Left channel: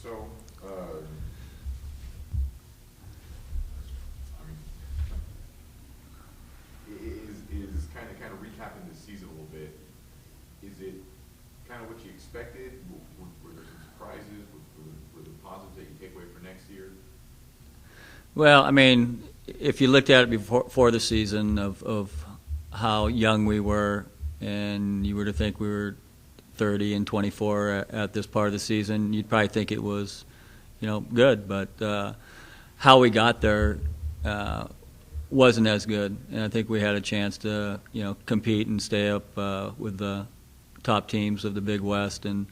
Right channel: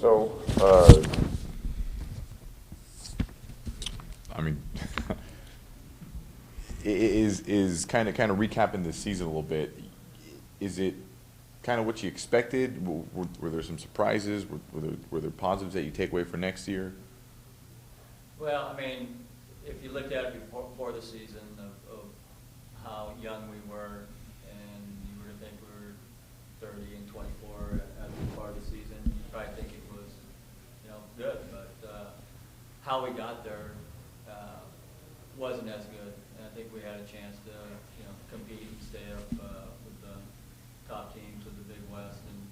So, I mean, is kind of recapping this season a little bit. Is it kind of what you expected? Were there some surprises? Were there positives that you take away for next year? Well, I mean, if you looked at it before the season of how young we were, and you were to think we were 30 and 24 at this part of the season, you'd probably think it was, good. But how we got there wasn't as good, and I think we had a chance to, compete and stay up with the top teams of the Big West, and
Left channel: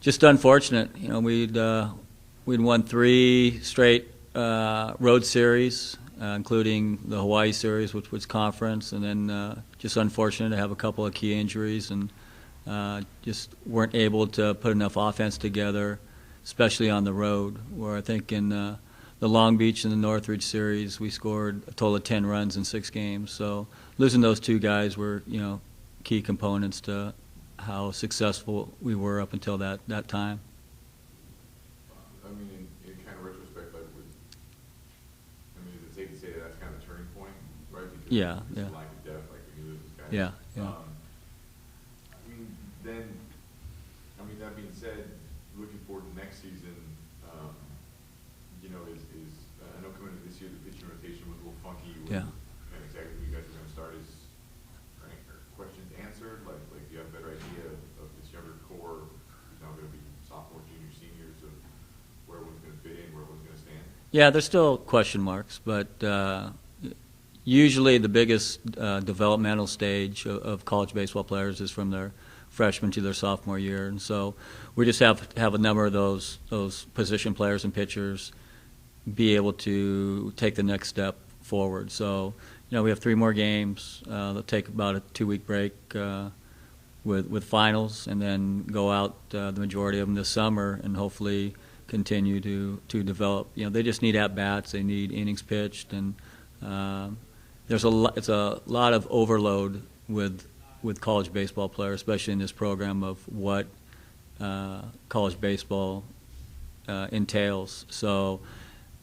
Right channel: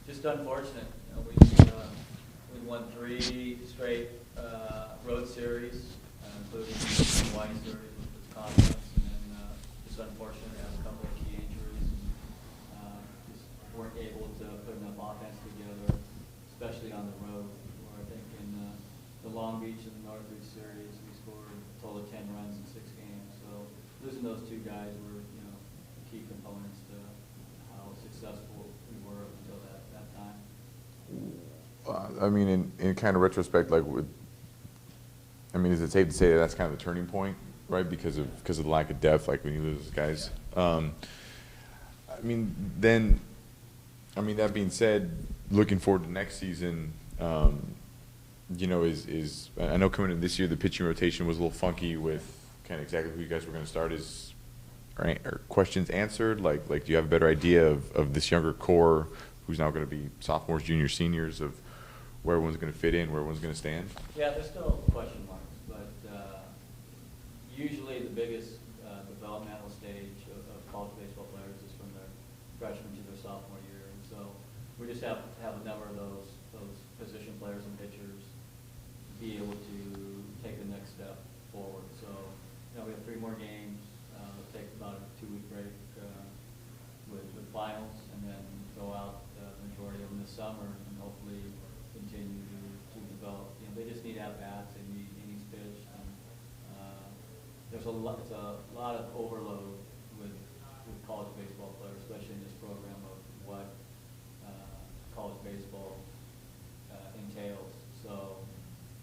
just unfortunate. We'd won three straight road series, including the Hawaii series, which was conference, and then just unfortunate to have a couple of key injuries, and just weren't able to put enough offense together, especially on the road, where I think in the Long Beach and the Northridge series we scored a total of 10 runs in 6 games. So losing those two guys were, key components to how successful we were up until that time. I mean, in kind of retrospect, is it safe to say that that's kind of the turning point, right? Because of lack of depth, like when you lose guys. Yeah. That being said, looking forward to next season, is I know coming in this year the pitching rotation was a little funky with kind of exactly who you guys were going to start. Are questions answered? Like, do you have a better idea of this younger core who's now going to be sophomores, juniors, seniors, of where everyone's going to fit in, where everyone's going to stand? Yeah, there's still question marks, but usually the biggest developmental stage of college baseball players is from their freshman to their sophomore year, and so we just have to have a number of those position players and pitchers be able to take the next step forward. So, we have 3 more games. They'll take about a 2-week break with finals, and then go out the majority of them this summer, and hopefully continue to develop. They just need at bats. They need innings pitched, and it's a lot of overload with college baseball players, especially in this program of what college baseball entails. So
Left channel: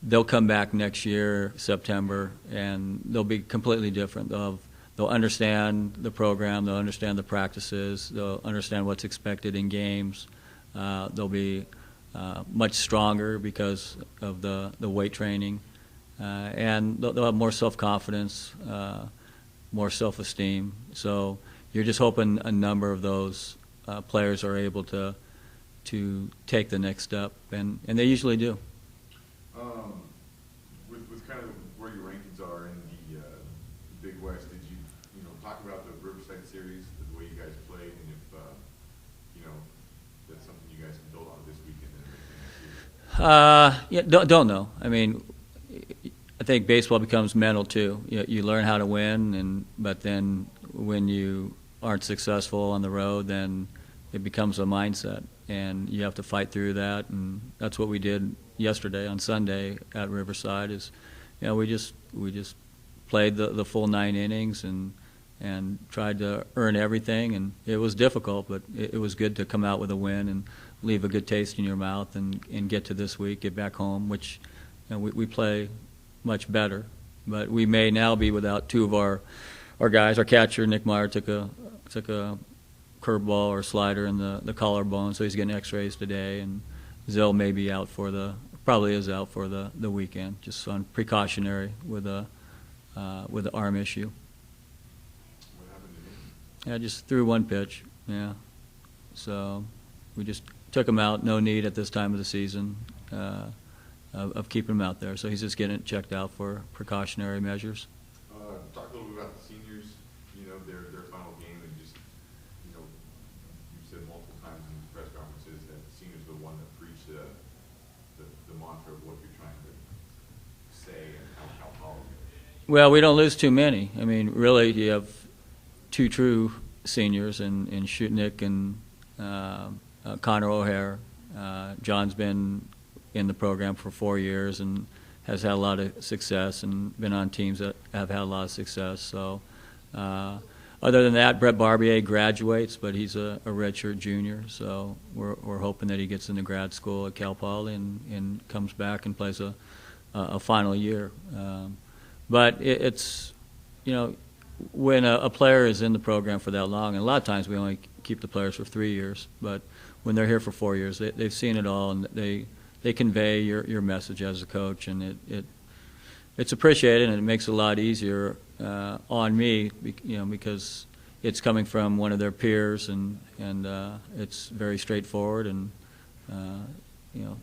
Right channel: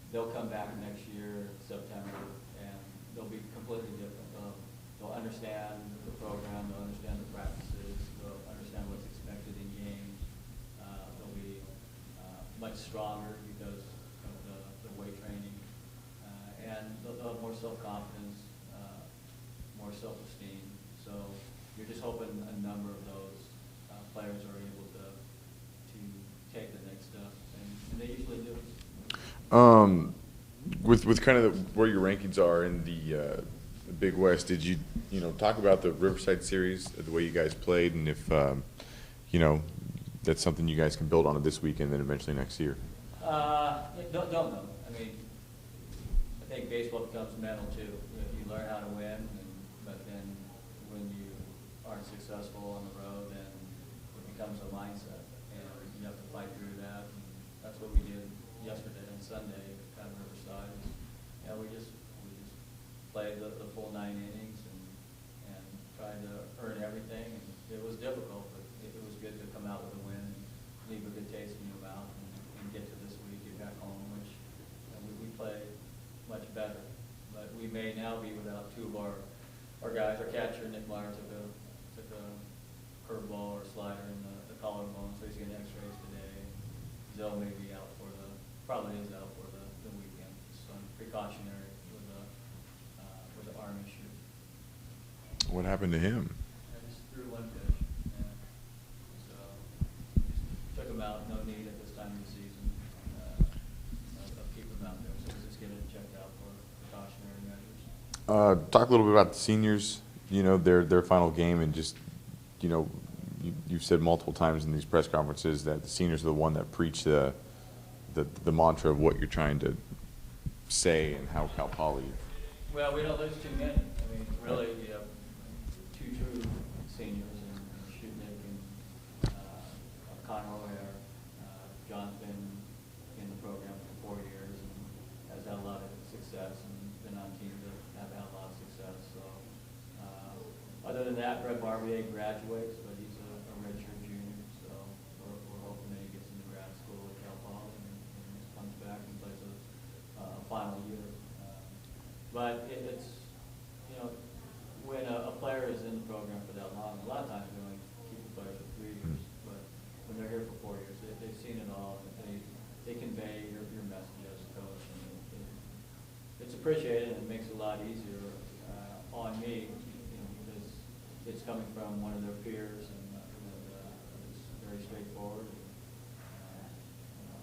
they'll come back next year, September, and they'll be completely different. They'll understand the program, they'll understand the practices, they'll understand what's expected in games. They'll be much stronger because of the weight training, and they'll have more self-confidence, more self-esteem. So you're just hoping a number of those players are able to take the next step, and they usually do. With kind of where your rankings are in the Big West, did you talk about the Riverside series, the way you guys played, and if that's something you guys can build on this weekend, then eventually next year? Don't know. I mean, I think baseball becomes mental too. You learn how to win, but then when you aren't successful on the road, then it becomes a mindset, and you have to fight through that. And that's what we did yesterday on Sunday at Riverside. We just played the full 9 innings and tried to earn everything, and it was difficult, but it was good to come out with a win and leave a good taste in your mouth, and get to this week, get back home, which we play much better. But we may now be without 2 of our guys. Our catcher, Nick Meyer, took a curveball or slider in the collarbone, so he's getting x-rays today, and Zill may be out probably is out for the weekend, just on precautionary with the arm issue. What happened to him? Yeah, just threw 1 pitch. Yeah, so we just took him out. No need at this time of the season of keeping him out there. So he's just getting it checked out for precautionary measures. Talk a little bit about the seniors. Their final game, and just you've said multiple times in these press conferences that the seniors are the one that preach the mantra of what you're trying to say and how Cal Poly. Well, we don't lose too many. I mean, really, you have 2 true seniors in Shutnick and Connor O'Hare. John's been in the program for 4 years and has had a lot of success, and been on teams that have had a lot of success. So Other than that, Brett Barbier graduates, but he's a redshirt junior, so we're hoping that he gets into grad school at Cal Poly and comes back and plays a final year. But it's, you know, when a player is in the program for that long, and a lot of times we only keep the players for 3 years, but when they're here for 4 years, they've seen it all, and they convey your message as a coach, and it's appreciated, and it makes it a lot easier on me, you know, because it's coming from one of their peers, and it's very straightforward, and you know,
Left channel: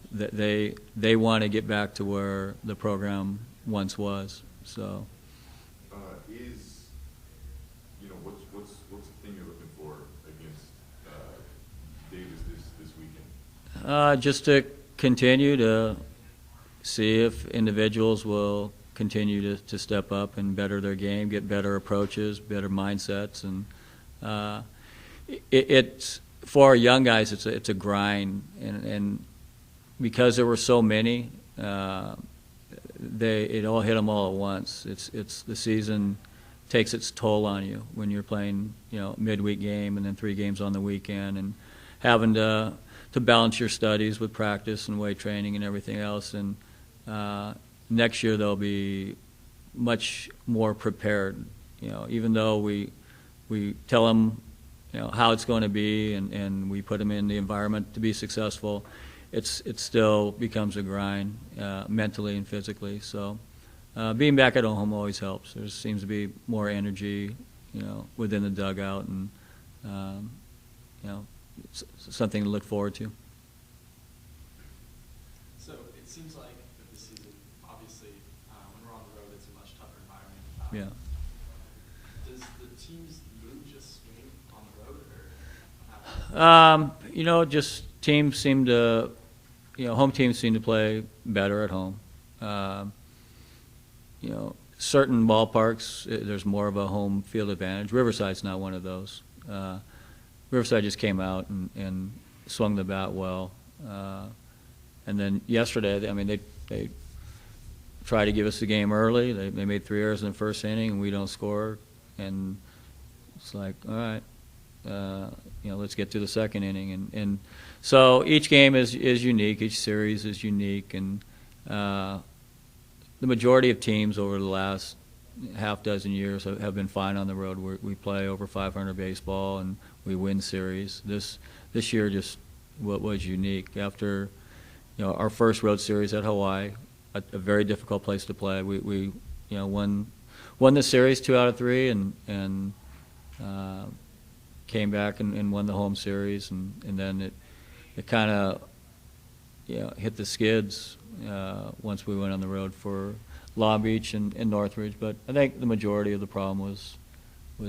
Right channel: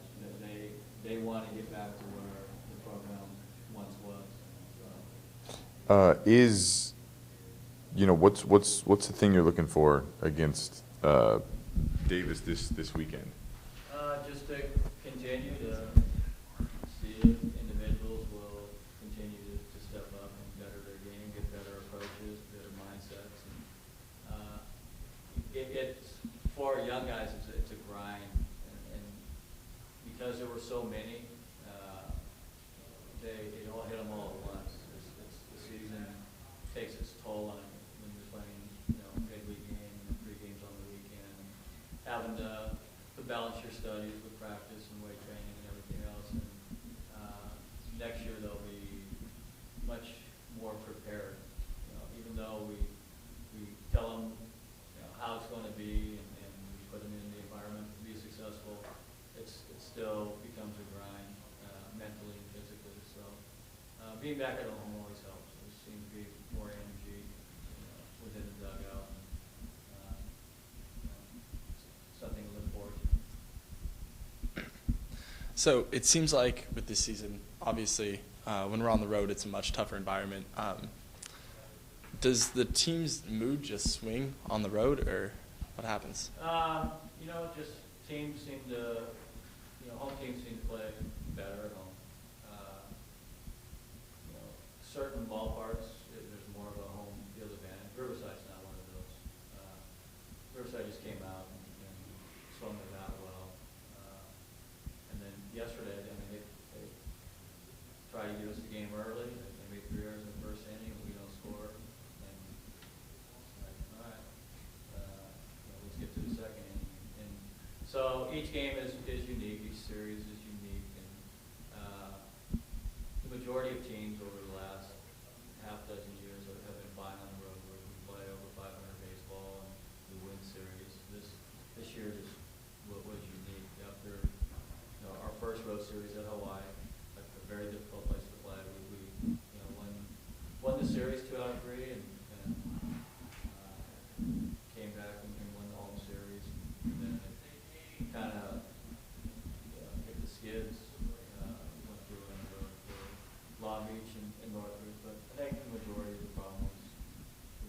they want to get back to where the program once was. So, you know, what's the thing you're looking for against Davis this weekend? Just to continue to see if individuals will continue to step up and better their game, get better approaches, better mindsets, and it's for our young guys. It's a grind, and because there were so many, it all hit them all at once. It's the season takes its toll on you when you're playing, you know, a midweek game and then 3 games on the weekend, and having to balance your studies with practice and weight training and everything else. And next year they'll be much more prepared. You know, even though we tell them, you know, how it's going to be, and we put them in the environment to be successful, it still becomes a grind mentally and physically. So being back at home always helps. There seems to be more energy, you know, within the dugout, and you know, something to look forward to. So it seems like with this season, obviously, when we're on the road, it's a much tougher environment. Yeah. Does the team's mood just swing on the road, or what happens? You know, just teams seem to, you know, home teams seem to play better at home. You know, certain ballparks, there's more of a home field advantage. Riverside's not one of those. Riverside just came out and swung the bat well. And then yesterday, I mean, they tried to give us the game early. They made 3 errors in the first inning, and we don't score. And it's like, all right, you know, let's get to the second inning. And so each game is unique. Each series is unique. And the majority of teams over the last half dozen years have been fine on the road. We play over 500 baseball, and we win series. This year just what was unique. After, you know, our first road series at Hawaii, a very difficult place to play. We you know, won the series 2 out of 3, and came back and won the home series, and then it kind of, you know, hit the skids once we went on the road for Long Beach and Northridge. But I think the majority of the problem was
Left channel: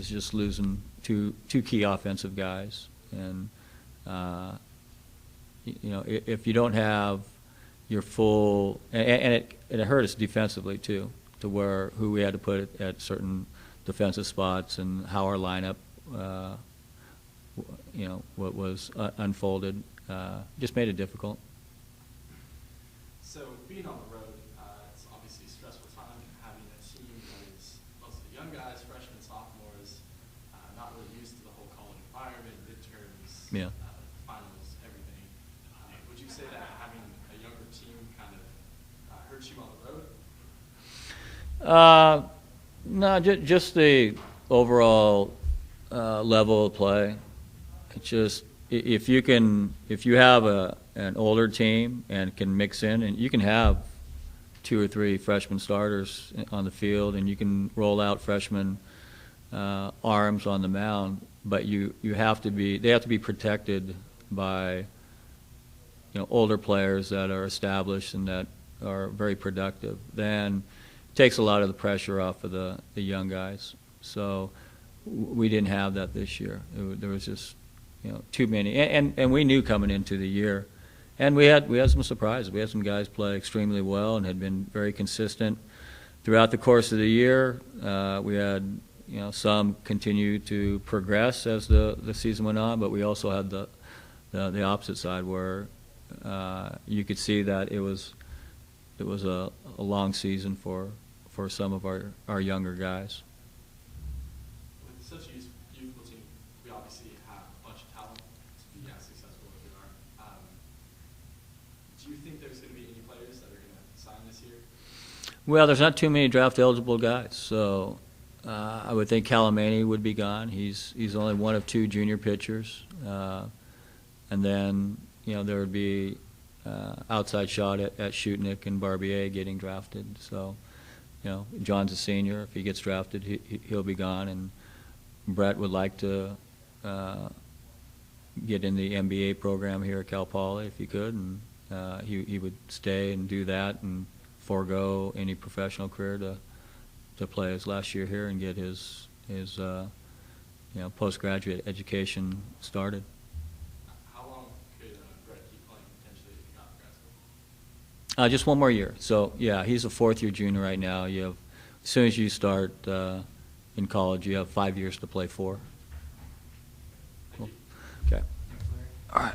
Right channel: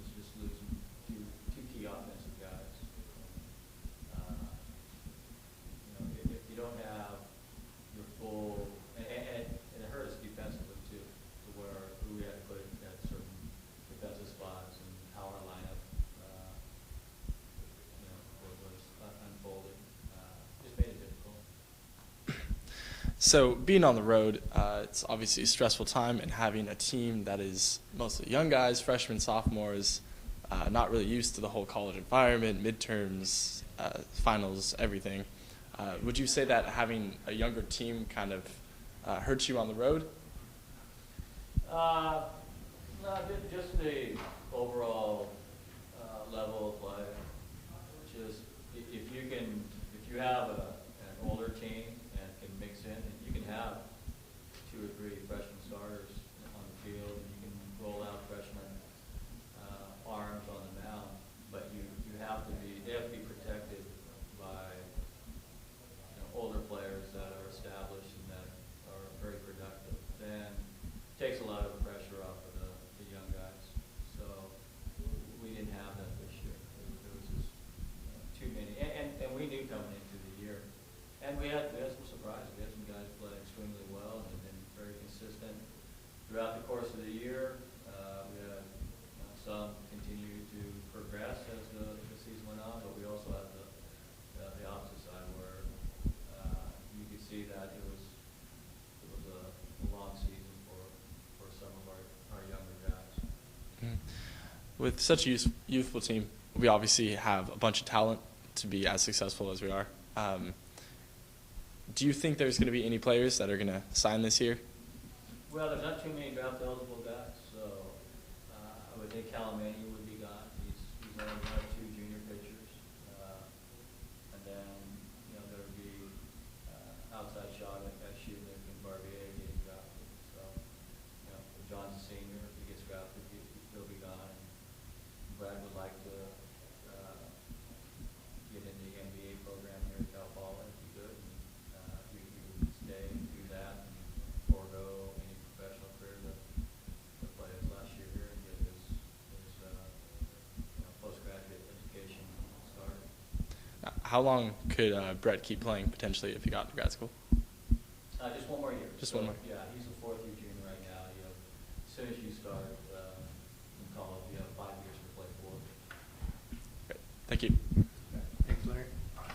just losing two key offensive guys, and you know, if you don't have your full, and it hurt us defensively too, to who we had to put at certain defensive spots, and how our lineup, you know, what was unfolded, just made it difficult. So being on the road, it's obviously a stressful time, and having a team that is mostly young guys, freshmen, sophomores, not really used to the whole college environment, midterms, Yeah. Finals, everything. Would you say that having a younger team kind of hurts you on the road? No, just the overall level of play. It's just, if you have an older team and can mix in, and you can have 2 or 3 freshman starters on the field, and you can roll out freshman arms on the mound, but they have to be protected by, you know, older players that are established and that are very productive. Then it takes a lot of the pressure off of the young guys. So we didn't have that this year. There was just, you know, too many, and we knew coming into the year, and we had some surprises. We had some guys play extremely well and had been very consistent throughout the course of the year. We had, you know, some continue to progress as the season went on, but we also had the opposite side, where you could see that it was a long season for some of our younger guys. With such a youthful team, we obviously have a bunch of talent to be as successful as we are. Do you think there's going to be any players that are going to sign this year? Well, there's not too many draft-eligible guys, so I would think Calamani would be gone. He's only one of 2 junior pitchers. And then, you know, there would be outside shot at Shutnick and Barbier getting drafted. So, you know, John's a senior. If he gets drafted, he'll be gone. And Brett would like to get in the MBA program here at Cal Poly if he could, and he would stay and do that and forego any professional career to play his last year here and get his you know, postgraduate education started. How long could Brett keep playing potentially if he got to grad school? Just 1 more year. Just So 1 more. yeah, he's a 4th-year junior right now. You have, as soon as you start in college, you have 5 years to play for. Great. Thank you. Okay. Thanks, Larry. All right.